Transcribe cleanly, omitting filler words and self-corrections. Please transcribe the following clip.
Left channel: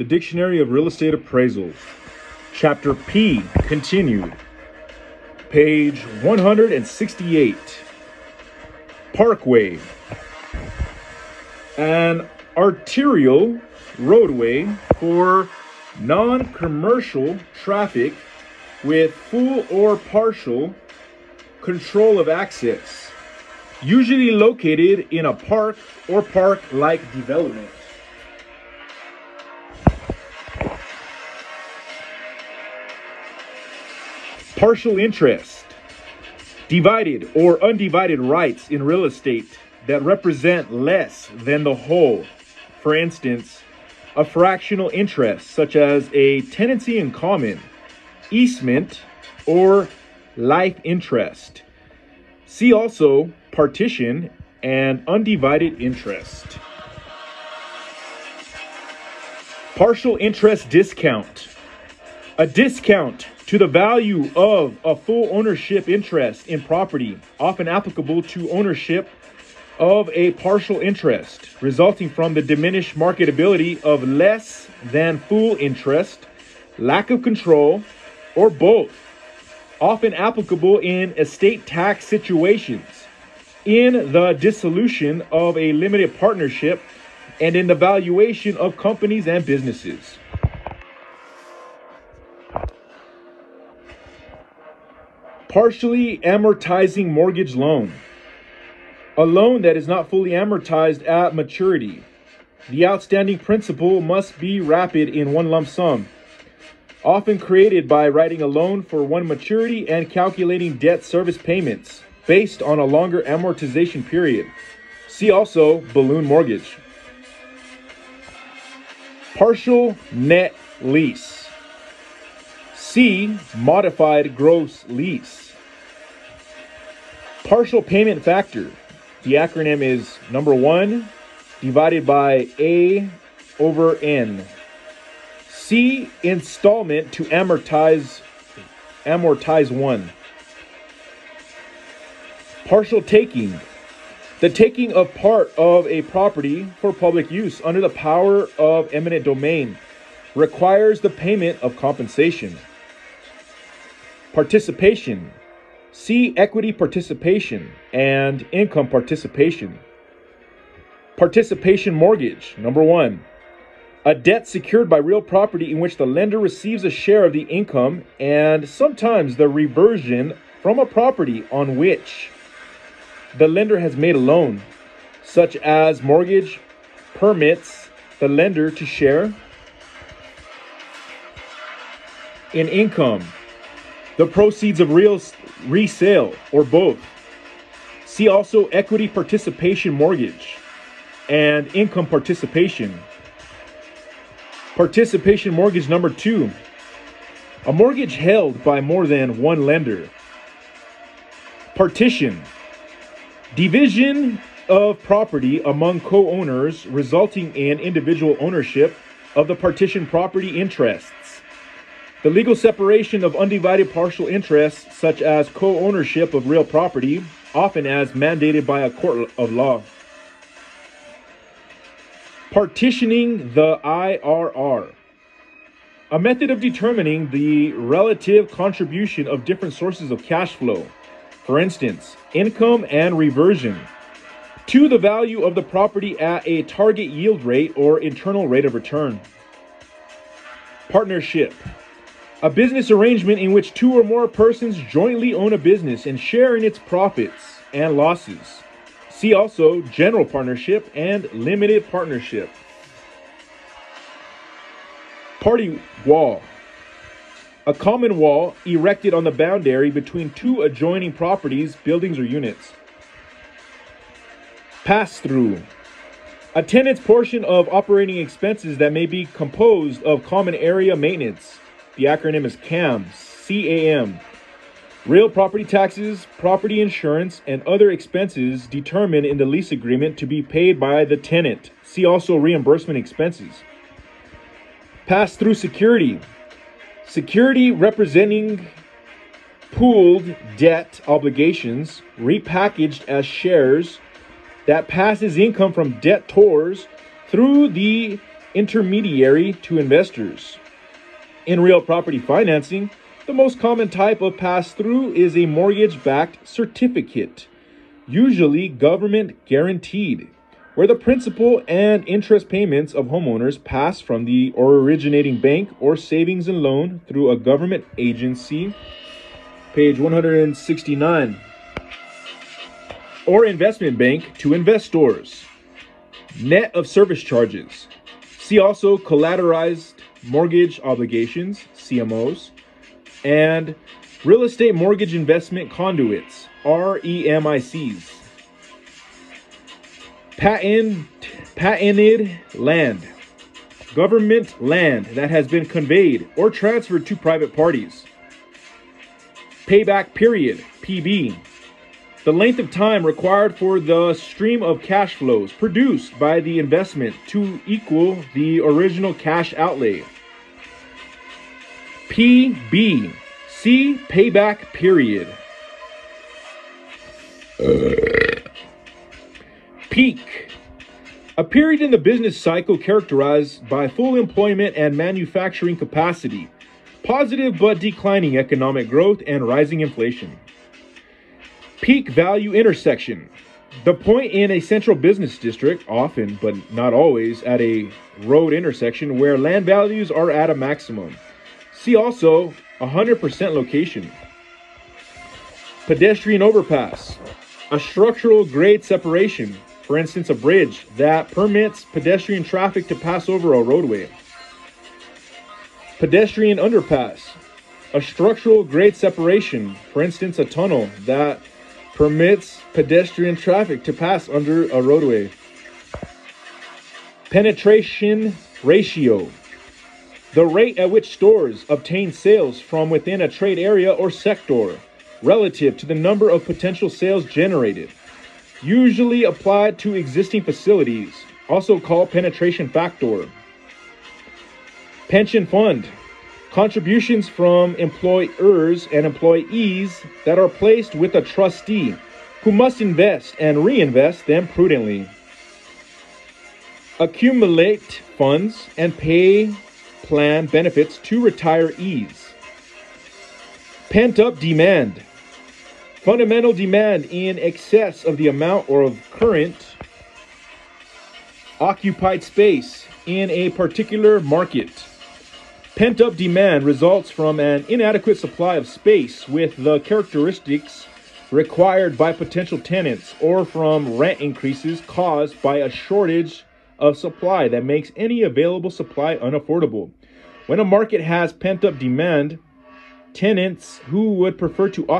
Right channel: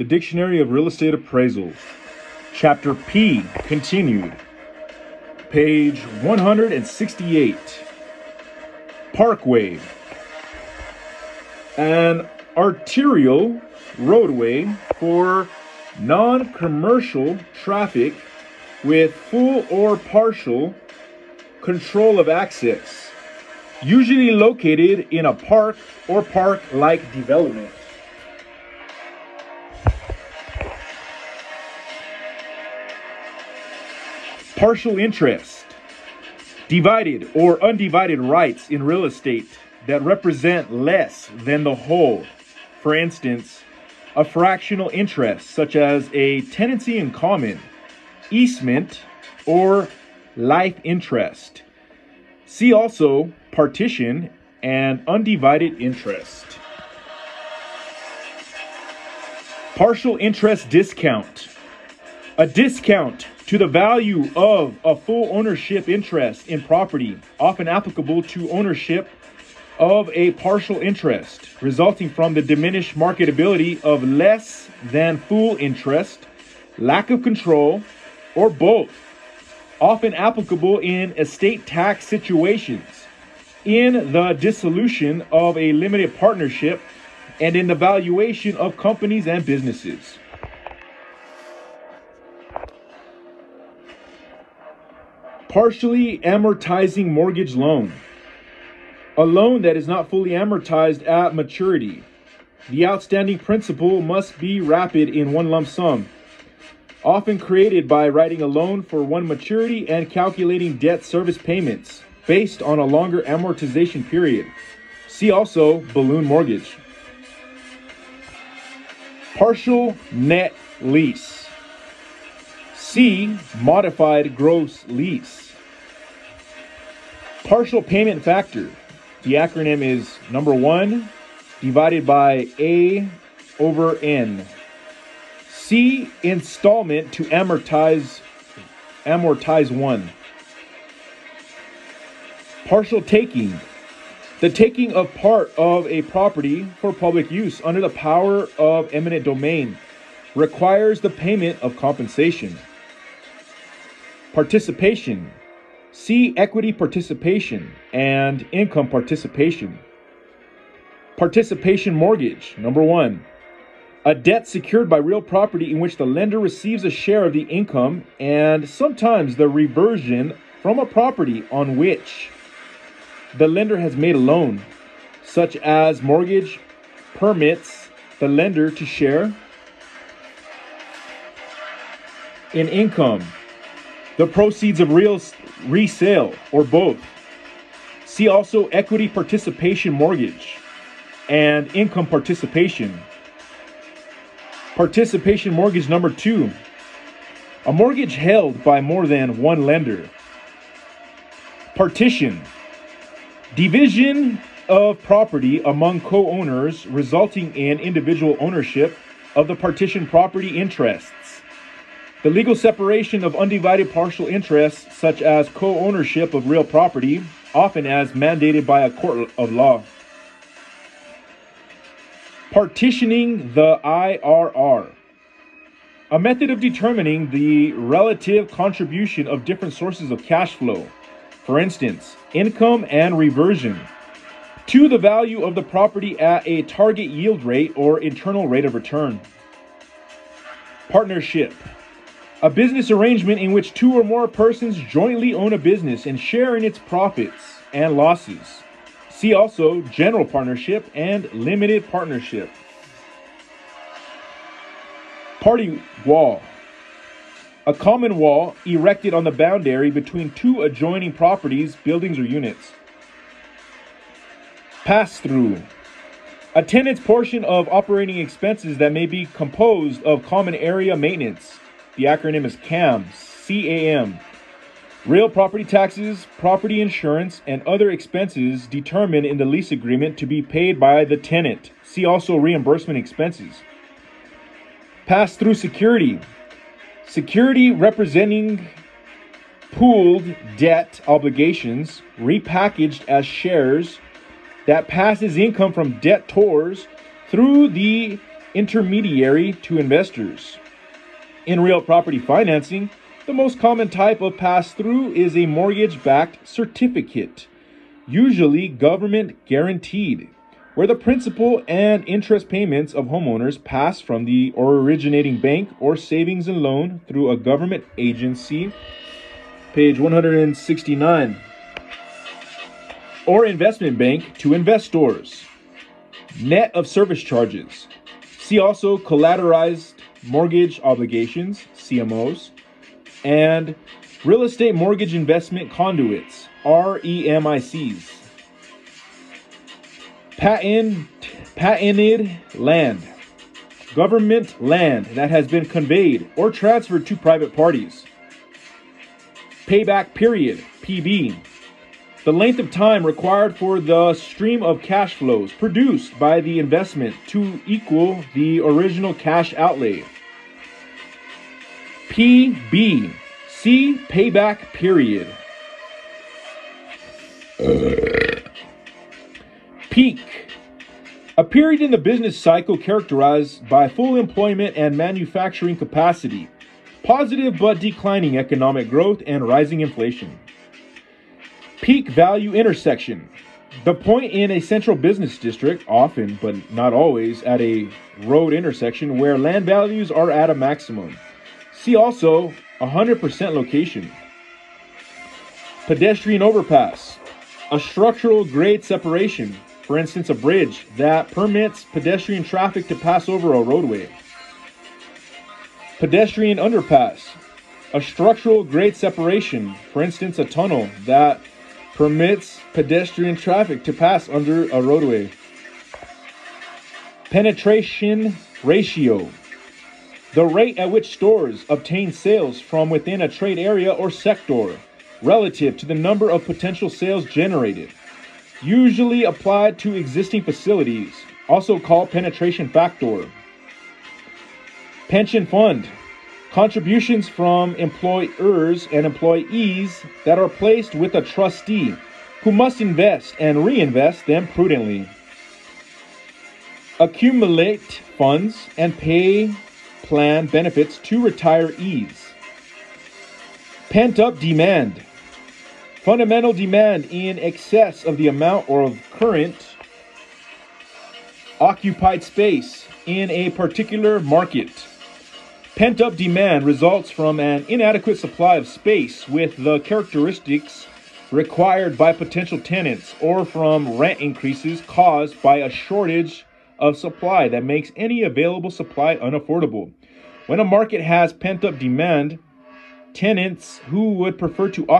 The Dictionary of Real Estate Appraisal. Chapter P, continued. Page 168. Parkway. An arterial roadway for non-commercial traffic with full or partial control of access, usually located in a park or park-like development. Partial interest. Divided or undivided rights in real estate that represent less than the whole. For instance, a fractional interest such as a tenancy in common, easement, or life interest. See also partition and undivided interest. Partial interest discount. A discount to the value of a full ownership interest in property, often applicable to ownership of a partial interest, resulting from the diminished marketability of less than full interest, lack of control, or both. Often applicable in estate tax situations, in the dissolution of a limited partnership, and in the valuation of companies and businesses. Partially amortizing mortgage loan. A loan that is not fully amortized at maturity. The outstanding principal must be rapid in one lump sum. Often created by writing a loan for one maturity and calculating debt service payments based on a longer amortization period. See also balloon mortgage. Partial net lease. C, modified gross lease. Partial payment factor. The acronym is number 1 divided by A over N. C, installment to amortize 1. Partial taking. The taking of part of a property for public use under the power of eminent domain requires the payment of compensation. Participation. See equity participation and income participation. Participation mortgage. Number 1. A debt secured by real property in which the lender receives a share of the income and sometimes the reversion from a property on which the lender has made a loan, such as mortgage permits the lender to share in income, the proceeds of resale, or both. See also equity participation mortgage and income participation. Participation mortgage number 2. A mortgage held by more than one lender. Partition. Division of property among co-owners resulting in individual ownership of the partition property interests. The legal separation of undivided partial interests, such as co-ownership of real property, often as mandated by a court of law. Partitioning the IRR. A method of determining the relative contribution of different sources of cash flow, for instance, income and reversion, to the value of the property at a target yield rate or internal rate of return. Partnership. A business arrangement in which 2 or more persons jointly own a business and share in its profits and losses. See also general partnership and limited partnership. Party wall. A common wall erected on the boundary between 2 adjoining properties, buildings, or units. Pass-through. A tenant's portion of operating expenses that may be composed of common area maintenance. The acronym is CAM, C-A-M. Real property taxes, property insurance, and other expenses determined in the lease agreement to be paid by the tenant. See also reimbursement expenses. Pass-through security. Security representing pooled debt obligations repackaged as shares that passes income from debtors through the intermediary to investors. In real property financing, the most common type of pass-through is a mortgage-backed certificate, usually government guaranteed, where the principal and interest payments of homeowners pass from the originating bank or savings and loan through a government agency. Page 169. Or investment bank to investors. Net of service charges. See also collateralized mortgage obligations, CMOs, and real estate mortgage investment conduits, REMICs. Patented land. Government land that has been conveyed or transferred to private parties. Payback period, PB. The length of time required for the stream of cash flows produced by the investment to equal the original cash outlay. PB. See payback period. Peak. A period in the business cycle characterized by full employment and manufacturing capacity, positive but declining economic growth, and rising inflation. Peak value intersection. The point in a central business district, often but not always at a road intersection, where land values are at a maximum. See also 100% location. Pedestrian overpass. A structural grade separation, for instance a bridge, that permits pedestrian traffic to pass over a roadway. Pedestrian underpass. A structural grade separation, for instance a tunnel, that permits pedestrian traffic to pass under a roadway. Penetration ratio. The rate at which stores obtain sales from within a trade area or sector relative to the number of potential sales generated, usually applied to existing facilities, also called penetration factor. Pension fund. Contributions from employers and employees that are placed with a trustee who must invest and reinvest them prudently. Accumulate funds and pay plan benefits to retirees. Pent-up demand. Fundamental demand in excess of the amount or of current occupied space in a particular market. Pent-up demand results from an inadequate supply of space with the characteristics required by potential tenants, or from rent increases caused by a shortage of supply that makes any available supply unaffordable. When a market has pent-up demand, tenants who would prefer to occupy